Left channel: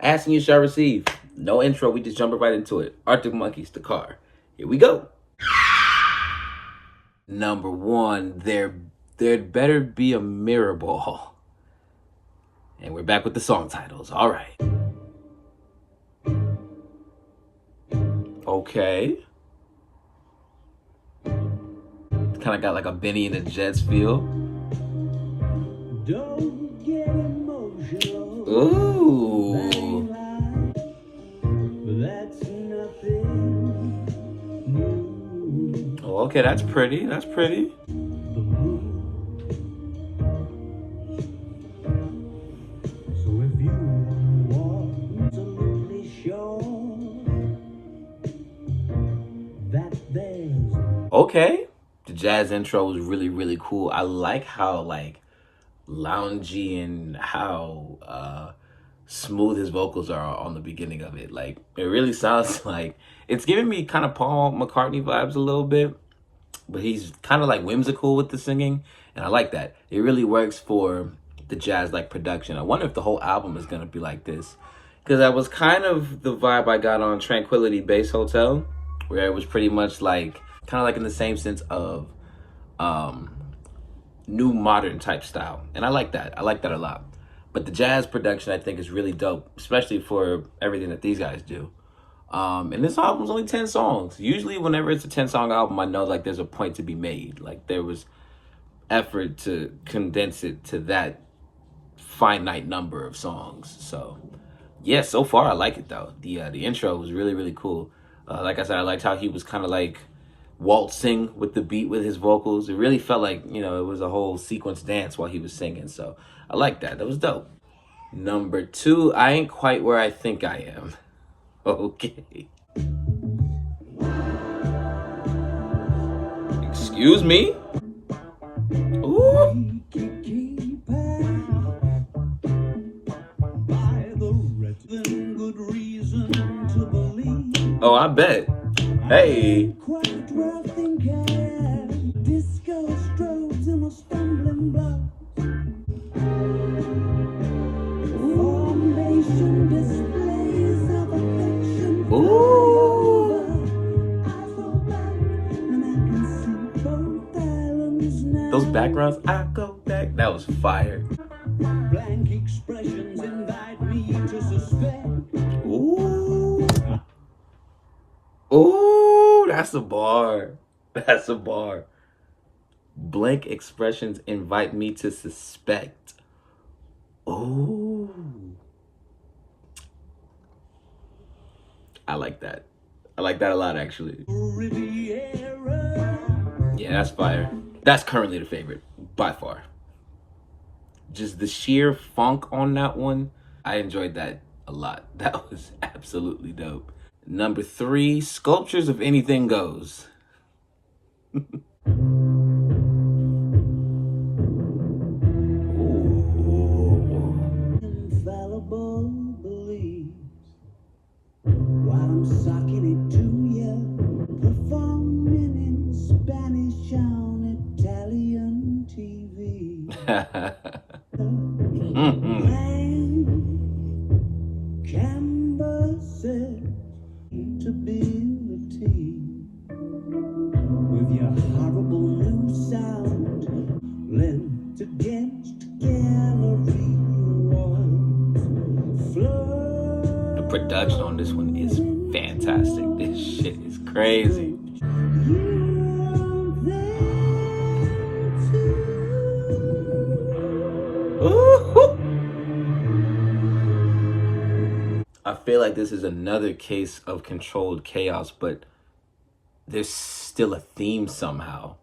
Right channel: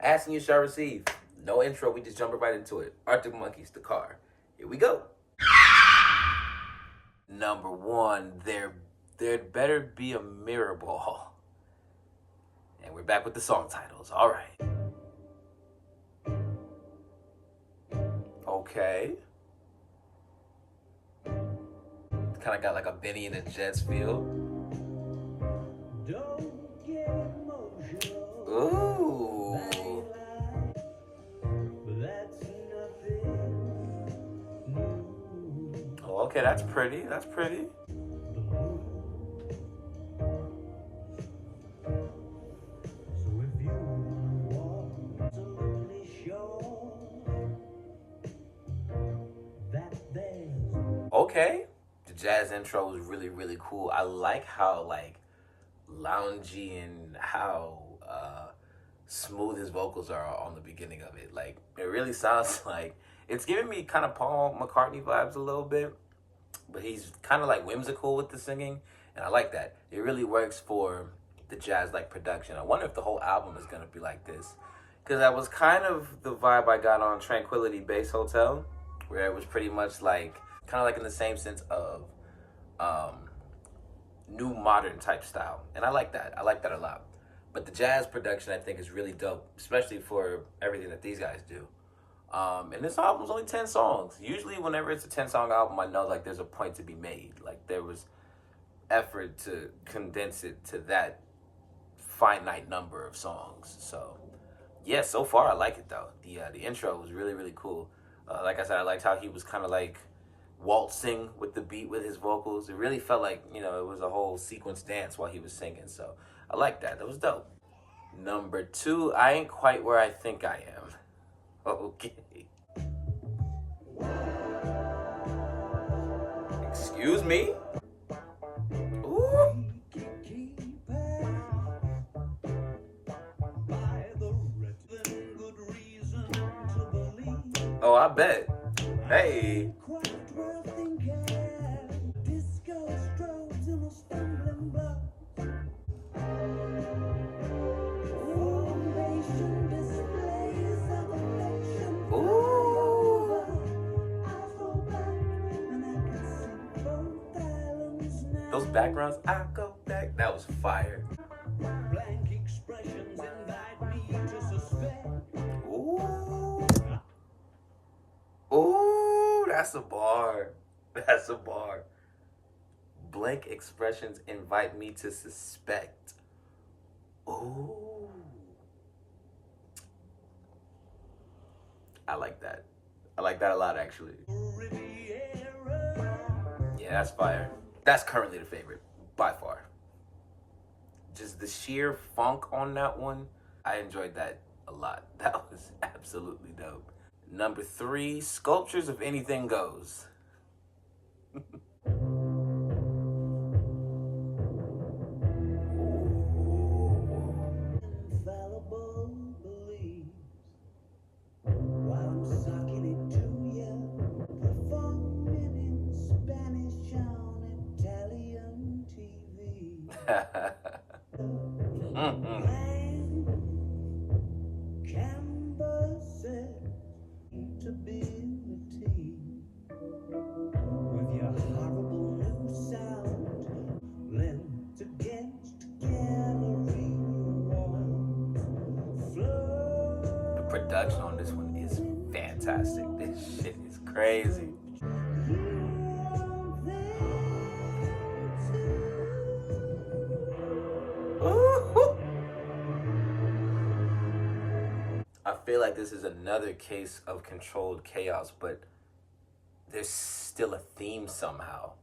Asking you shall receive. No intro, we just jumping right into it. Arctic Monkeys, The Car. Here we go. Number one, there'd better be a mirror ball. And we're back with the song titles. All right. Okay. Kind of got like a Benny and the Jets feel. Don't get emotional. Ooh. That's nothing new. Oh, okay, that's pretty. That's pretty. So if you want absolutely sure that there's okay. The jazz intro was really, really cool. I like how like loungy and how smooth his vocals are on the beginning of it. Like it really sounds like it's giving me kind of Paul McCartney vibes a little bit, but he's kind of like whimsical with the singing, and I like that. It really works for the jazz like production. I wonder if the whole album is gonna be like this, because that was kind of the vibe I got on Tranquility Base Hotel, where it was pretty much like kind of like in the same sense of new modern type style, and I like that. I like that a lot. But the jazz production I think is really dope, especially for everything that these guys do. And this album's only 10 songs. Usually whenever it's a 10-song album, I know like there's a point to be made. Like there was effort to condense it to that finite number of songs. So yeah, so far I like it though. The intro was really, really cool. Like I said, I liked how he was kind of like waltzing with the beat with his vocals. It really felt like, you know, it was a whole sequence dance while he was singing. So I like that. That was dope. Number two, I ain't quite where I think I am. Okay. Excuse me? Ooh. Oh, I bet. Hey. Ooh. Those backgrounds, I go back. That was fire. Blank expressions invite me to suspect. Ooh. Ooh, that's a bar. That's a bar. Blank expressions invite me to suspect. Ooh. I like that. I like that a lot, actually. Yeah, that's fire. That's currently the favorite, by far. Just the sheer funk on that one, I enjoyed that a lot. That was absolutely dope. Number three, Sculptures of Anything Goes. Infallible beliefs while I'm sucking it to you, performing in Spanish on Italian TV. Canvases stability with your horrible new sound lent against gallery walls. The production on this one is fantastic. This shit is crazy. Ooh. I feel like this is another case of controlled chaos, but there's still a theme somehow.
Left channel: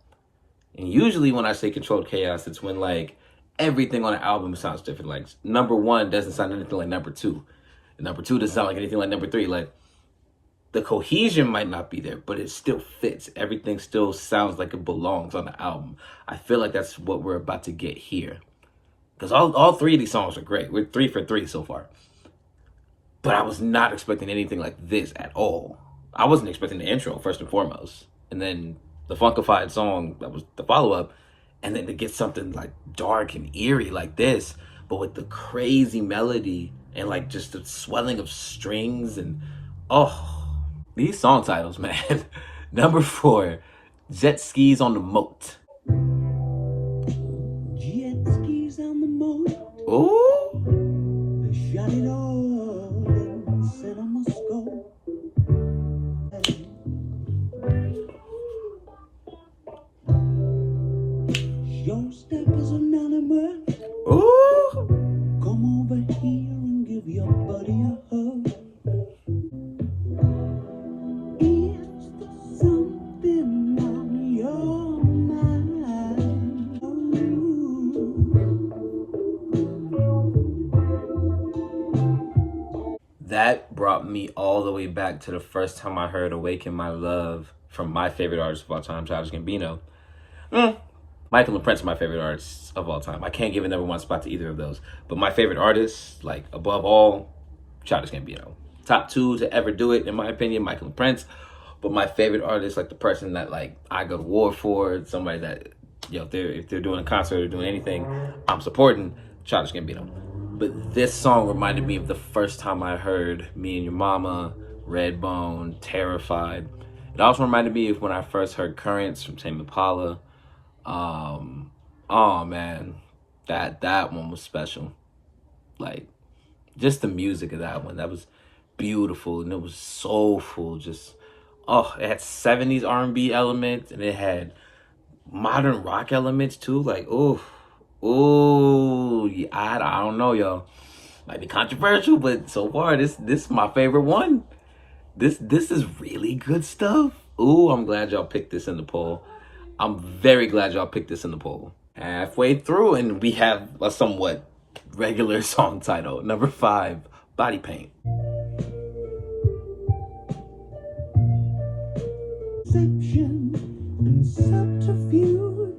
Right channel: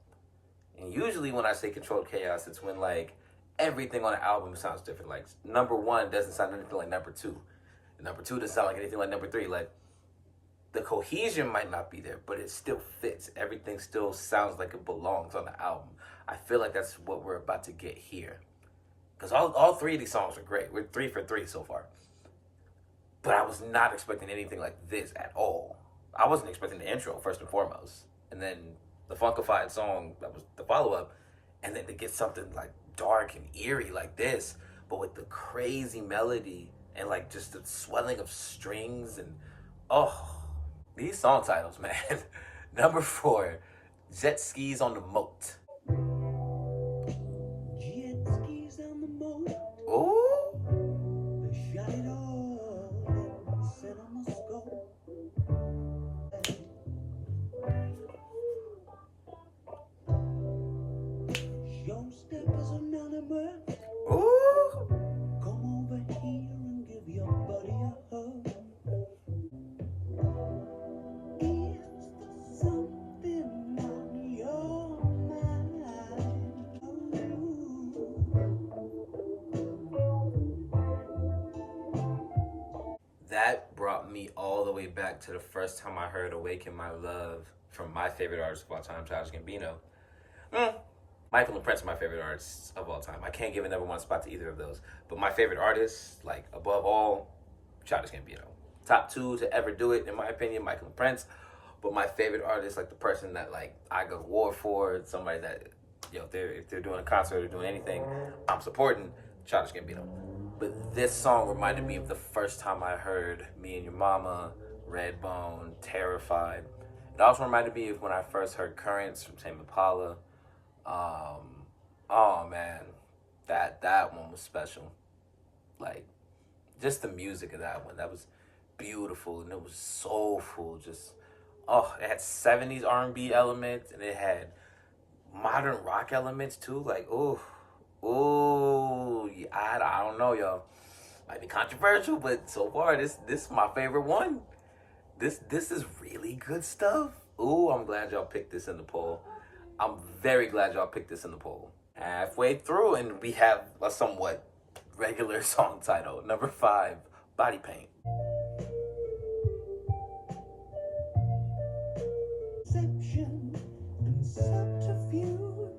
And usually when I say controlled chaos, it's when like everything on an album sounds different. Like number one doesn't sound anything like number two. And number two doesn't sound like anything like number three. Like the cohesion might not be there, but it still fits. Everything still sounds like it belongs on the album. I feel like that's what we're about to get here. Because all three of these songs are great. We're 3 for 3 so far. But I was not expecting anything like this at all. I wasn't expecting the intro, first and foremost. And then the funkified song that was the follow-up. And then to get something like dark and eerie like this, but with the crazy melody and like just the swelling of strings and oh, these song titles, man. Number 4, Jet Skis on the Moat. Jet skis on the moat. Ooh. They shot it all and said I must go. Your step is anonymous. Ooh. Come over here and give your buddy a hug. Is there something on your mind? That brought me all the way back to the first time I heard Awaken My Love from my favorite artist of all time, Childish Gambino. Michael and Prince are my favorite artists of all time. I can't give a number one spot to either of those. But my favorite artists, like above all, Childish Gambino. Top 2 to ever do it, in my opinion, Michael and Prince. But my favorite artist, like the person that like I go to war for, somebody that, if they're doing a concert or doing anything, I'm supporting Childish Gambino. But this song reminded me of the first time I heard Me and Your Mama, Redbone, Terrified. It also reminded me of when I first heard Currents from Tame Impala. Oh man, that one was special. Like, just the music of that one, that was beautiful, and it was soulful. Just, it had 70s R&B elements, and it had modern rock elements too. Like, yeah, I don't know, y'all. Might be controversial, but so far this is my favorite one. This is really good stuff. Ooh, I'm glad y'all picked this in the poll. I'm very glad y'all picked this in the poll. Halfway through, and we have a somewhat regular song title. Number 5, Body Paint. Deception and subterfuge.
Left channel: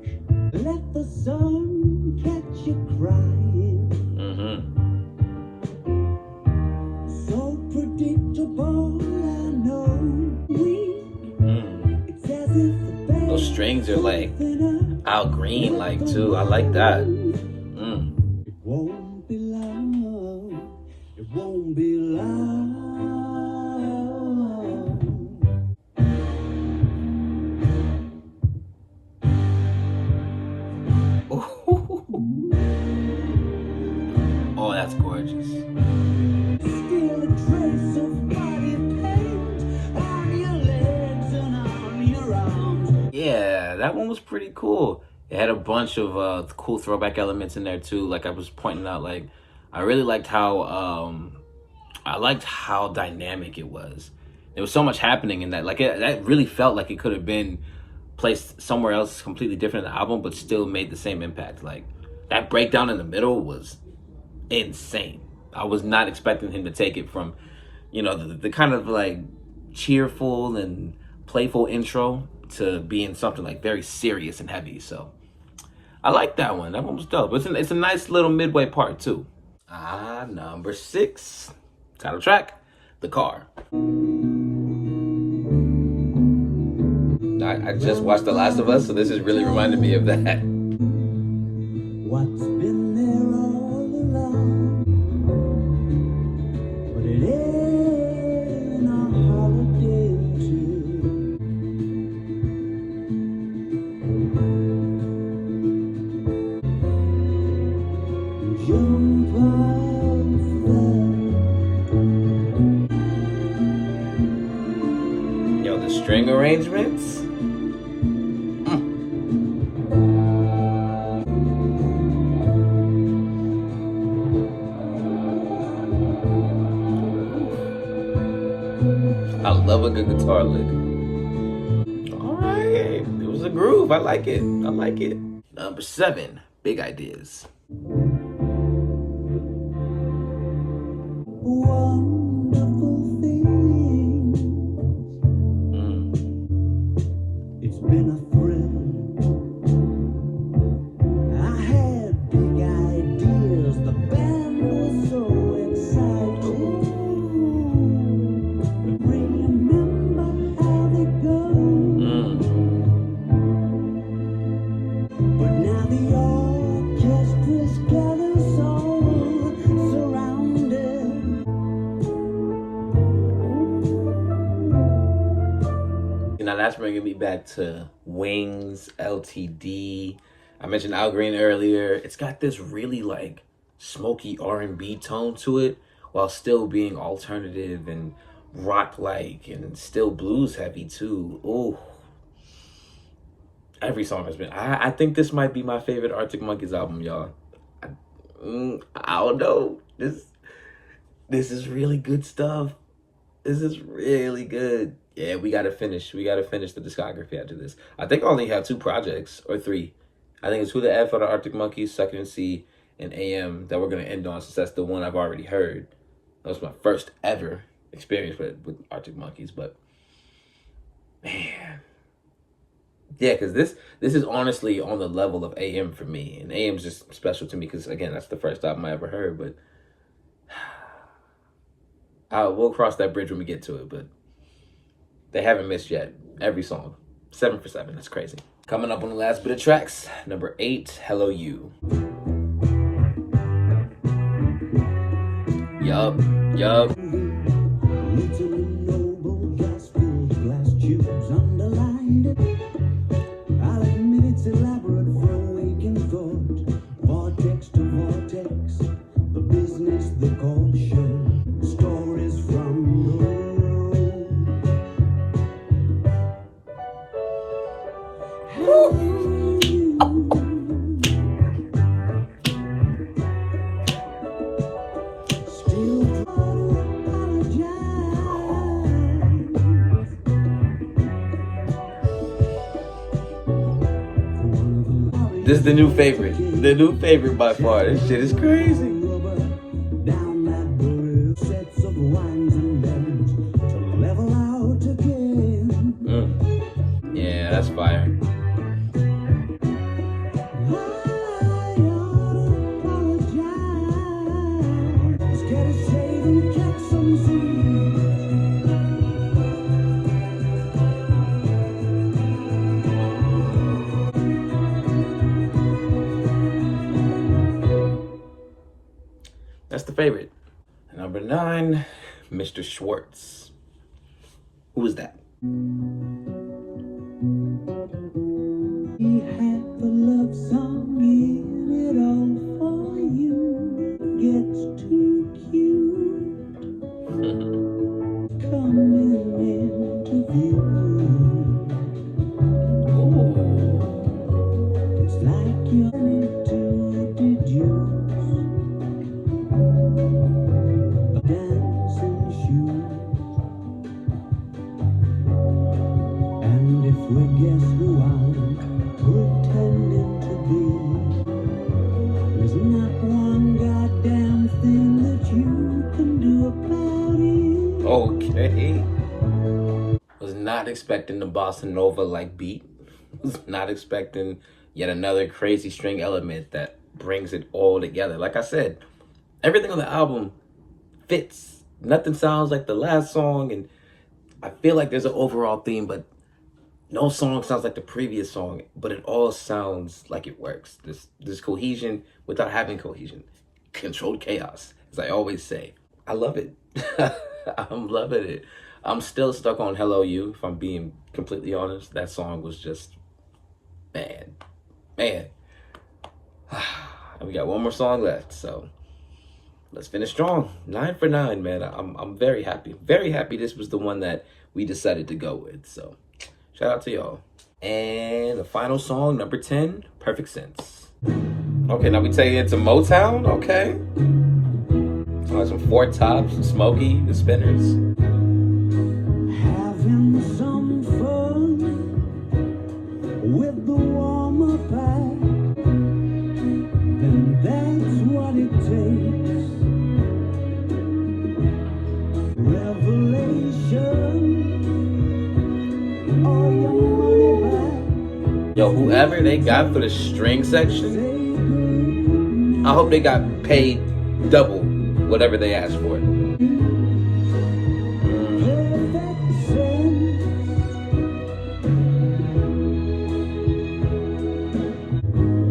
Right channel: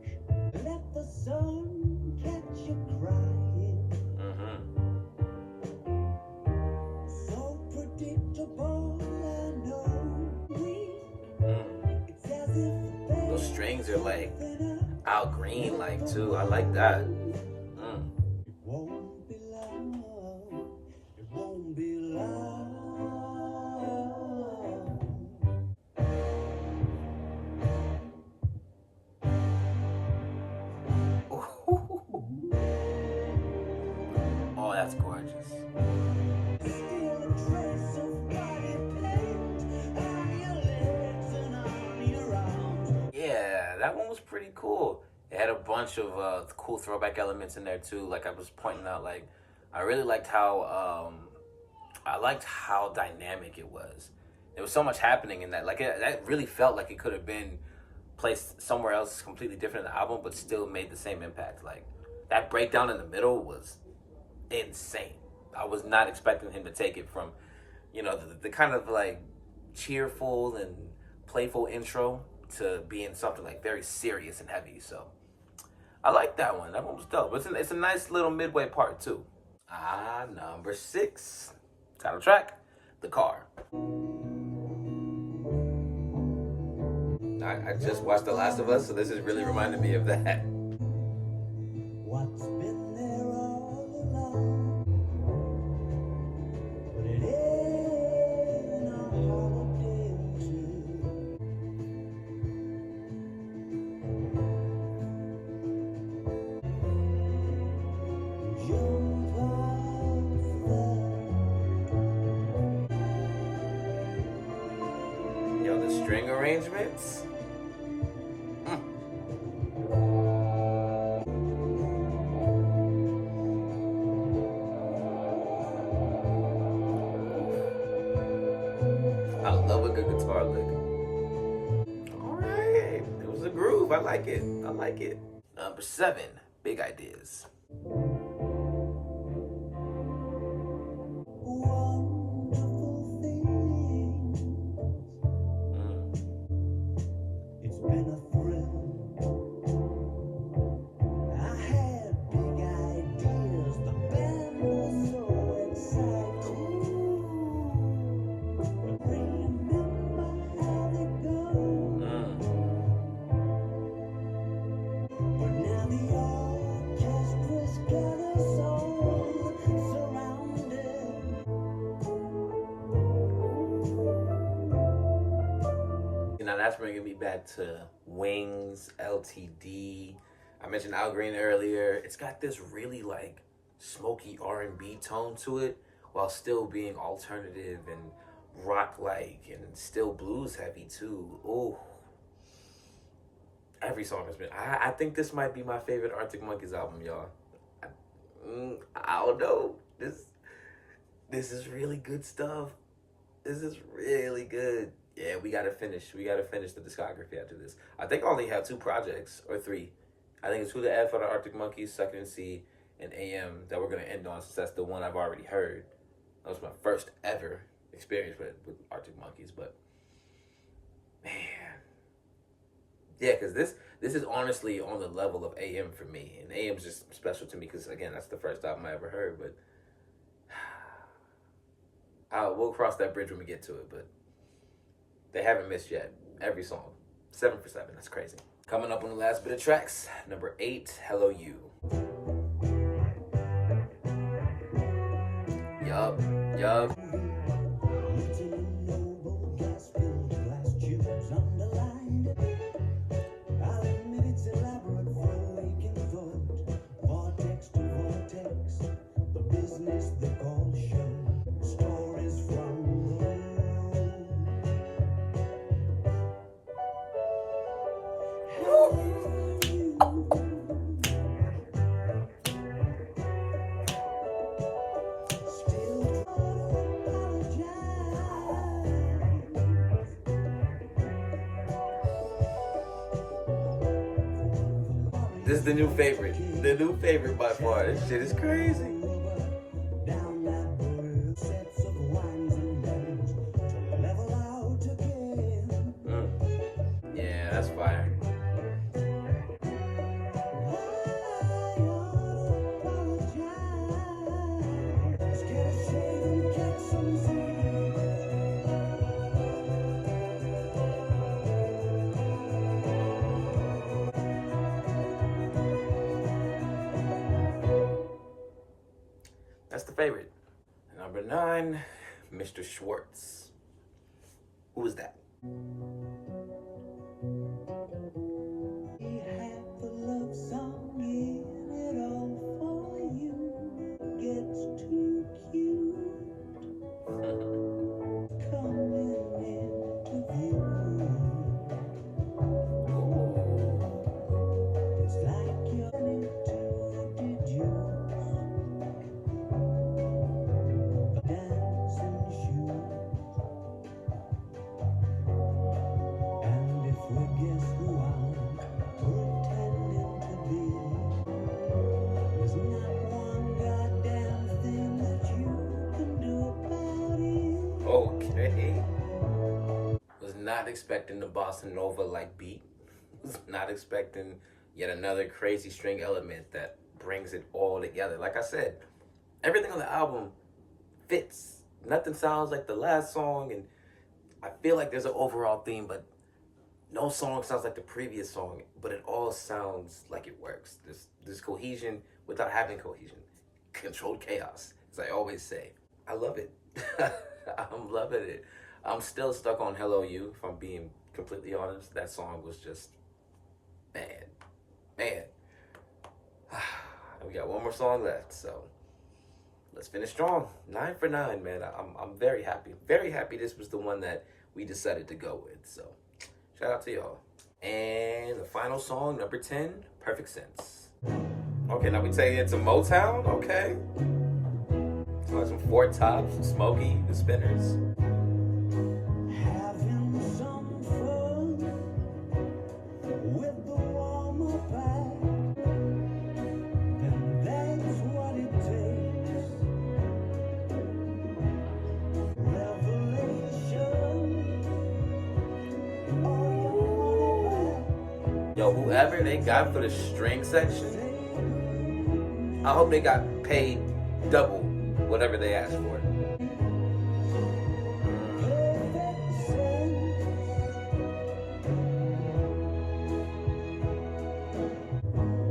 Let the sun catch you crying. So predictable, I know. It's as if those strings are like Al Green, like too. I like that. It won't be long. It won't be long. Oh, that's gorgeous. Still a trace of body paint on your legs and on your arms. Yeah, that one was pretty cool. It had a bunch of cool throwback elements in there too. Like I was pointing out, like I really liked how dynamic it was. There was so much happening in that. Like that really felt like it could have been placed somewhere else completely different in the album, but still made the same impact. Like that breakdown in the middle was insane. I was not expecting him to take it from, the kind of like cheerful and playful intro to being something like very serious and heavy. So I like that one. That one was dope. It's a nice little midway part too. Number 6, title track, The Car. I just watched The Last of Us, so this is really reminding me of that. What's been there all along, but it ain't a holiday too. Jump off that. Yo, the string arrangements. I love a good guitar lick. All right, it was a groove. I like it. Number 7, Big Ideas. Wonderful thing. It's been a thrill. I had big ideas. The band was so exciting. Now the orchestra's gathered, so surrounded Now that's bringing me back to Wings, LTD. I mentioned Al Green earlier. It's got this really like smoky R&B tone to it while still being alternative and rock like and still blues heavy too. Oh, every song has been. I think this might be my favorite Arctic Monkeys album, y'all. I, I don't know. This is really good stuff. This is really good. Yeah, we gotta finish. We gotta finish the discography after this. I think I only have 2 projects or 3. I think it's Who the F for the Arctic Monkeys, Second and C, and AM that we're gonna end on since that's the one I've already heard. That was my first ever experience with Arctic Monkeys, but man, yeah, because this is honestly on the level of AM for me, and AM's just special to me because again that's the first album I ever heard. But we'll cross that bridge when we get to it. But they haven't missed yet. Every song, 7 for 7. That's crazy. Coming up on the last bit of tracks, number 8, Hello You. Yup. This is the new favorite. The new favorite by far. This shit is crazy. Yeah, that's fire. That's the favorite. Number 9, Mr. Schwartz. Who is that? He had the love song in it all for you. Gets too cute. Coming into view. Ooh. It's like you're to deduce. Dancing shoes. And if we guess who I'm pretending to be, there's not one goddamn thing that you can do about it. Okay. Was not expecting the bossa nova like beat. Was not expecting yet another crazy string element that brings it all together. Like I said, everything on the album fits. Nothing sounds like the last song, and I feel like there's an overall theme, but no song sounds like the previous song, but it all sounds like it works. This cohesion without having cohesion. Controlled chaos, as I always say. I love it. I'm loving it. I'm still stuck on Hello You, if I'm being completely honest. That song was just, man. And we got one more song left, so let's finish strong. 9 for 9, man. I'm very happy. Very happy this was the one that we decided to go with. So shout out to y'all. And the final song, number 10, Perfect Sense. Okay, now we take it to Motown. Okay. Some Four Tops, Smokey, the Spinners. Having some fun with the warmer pack, then that's what it takes. Revelation, all your money back. Yo, whoever they got for the string section, I hope they got paid double whatever they asked for.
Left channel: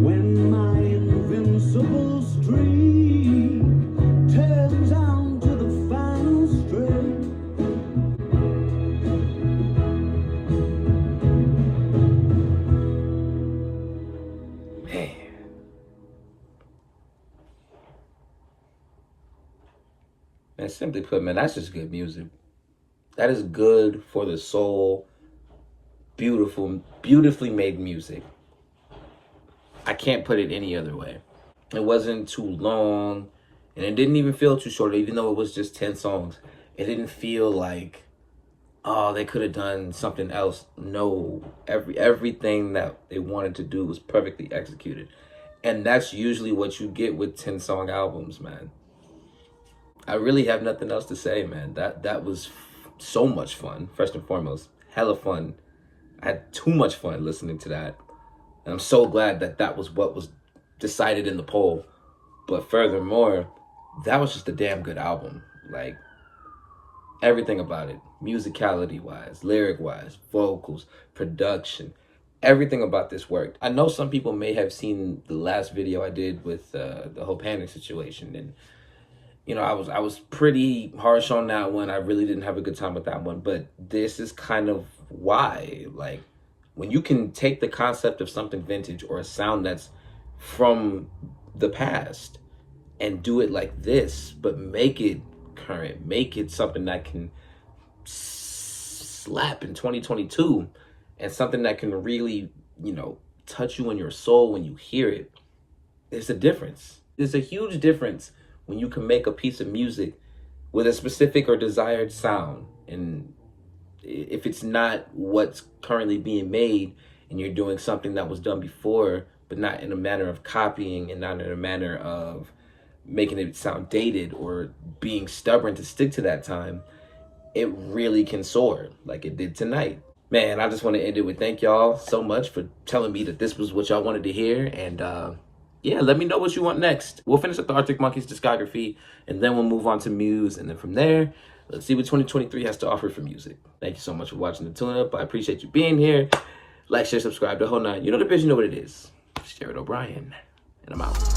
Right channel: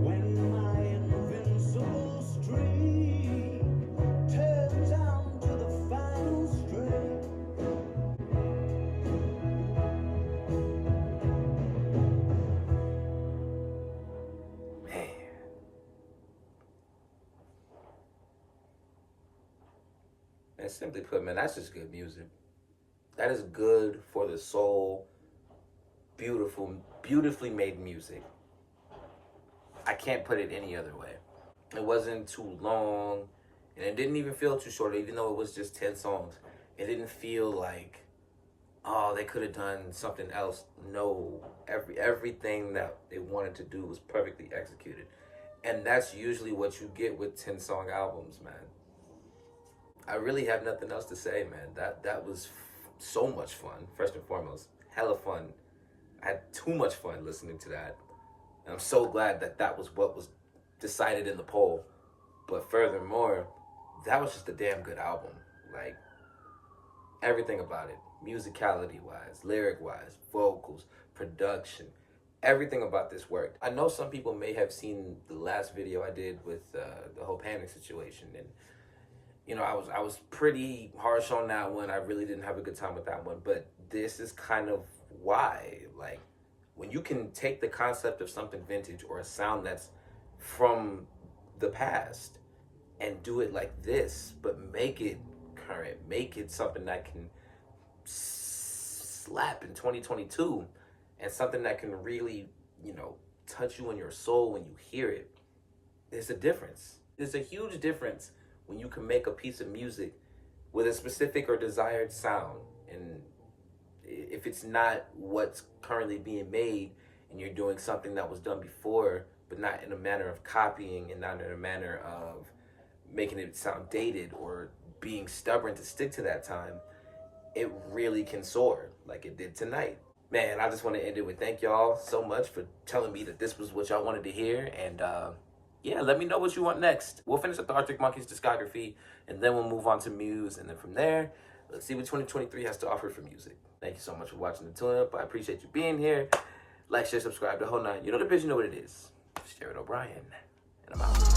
When my invincible stream turns on to the final string, simply put, man, that's just good music. That is good for the soul. Beautiful, beautifully made music. I can't put it any other way. It wasn't too long, and it didn't even feel too short, even though it was just 10 songs. It didn't feel like, oh, they could have done something else. No, everything that they wanted to do was perfectly executed. And that's usually what you get with 10-song albums, man. I really have nothing else to say, man. That was so much fun, first and foremost. Hella fun. I had too much fun listening to that. And I'm so glad that that was what was decided in the poll. But furthermore, that was just a damn good album. Like, everything about it, musicality wise, lyric wise, vocals, production, everything about this worked. I know some people may have seen the last video I did with the whole panic situation, and you know, I was pretty harsh on that one. I really didn't have a good time with that one, but this is kind of why. Like, when you can take the concept of something vintage or a sound that's from the past and do it like this, but make it current, make it something that can slap in 2022, and something that can really, you know, touch you in your soul when you hear it. There's a difference. There's a huge difference when you can make a piece of music with a specific or desired sound, and if it's not what's currently being made and you're doing something that was done before, but not in a manner of copying and not in a manner of making it sound dated or being stubborn to stick to that time, it really can soar like it did tonight. Man, I just want to end it with thank y'all so much for telling me that this was what y'all wanted to hear. And yeah, let me know what you want next. We'll finish up the Arctic Monkeys discography, and then we'll move on to Muse. And then from there, let's see what 2023 has to offer for music. Thank you so much for watching the Tune Up. I appreciate you being here. Like, share, subscribe, the whole nine. You know the bitch, you know what it is. It's Jared O'Brien, and I'm out.